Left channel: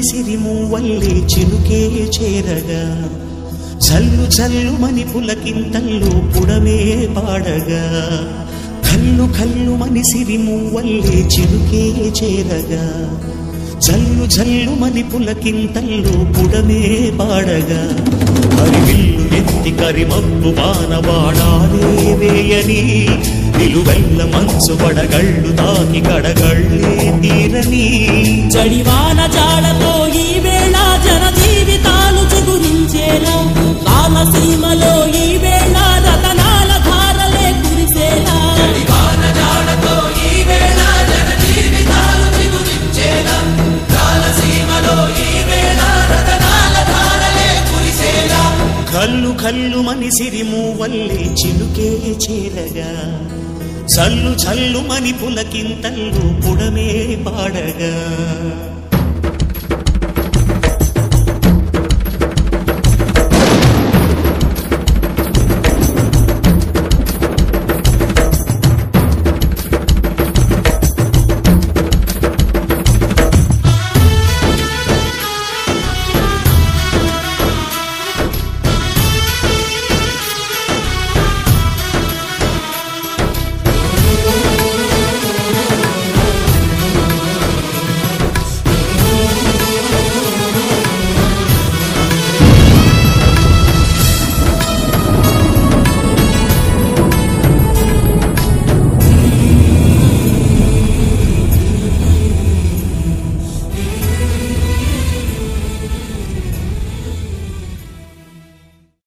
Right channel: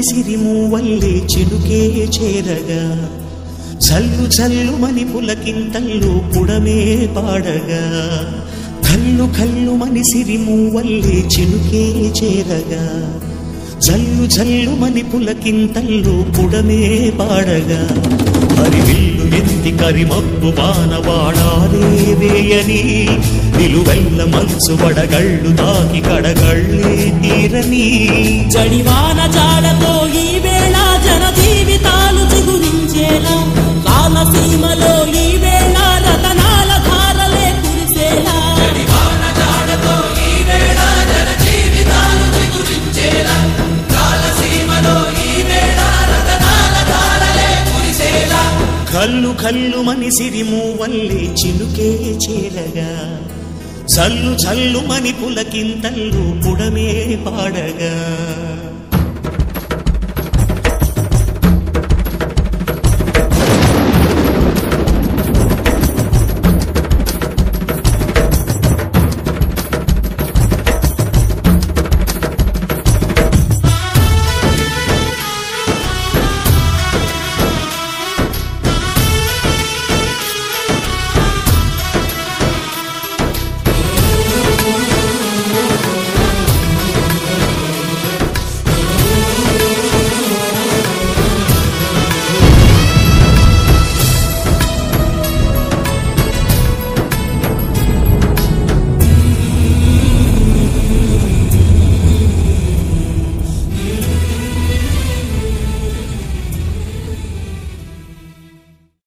మని సిరిమూవల్లే చినుకే చేరగా జల్లు జల్లు మని పులకింతల్లో పుడమే పాడగా కల్లు కల్లు మని సిరిమూవల్లే చినుకే చేరగా జల్లు జల్లు మని పులకింతల్లో పుడమే పాడగా హరివిల్లు ఎత్తి కరిమబ్బు వానవాడాలే వేయని నిలువెల్ల మంచు వడగళ్ళు తాకి కడగళ్ళే తీరని జడివాన జాడతో ఈ వేళ జన జీవితాలు చిగురించేలా రాలసీమలో ఈ వేళ రతనాల ధారలే కురిసేలా కల్లు కల్లు మని సిరిమూవల్లే చినుకే చేరగా జల్లు జల్లు మని పులకింతల్లో పుడమే పాడగా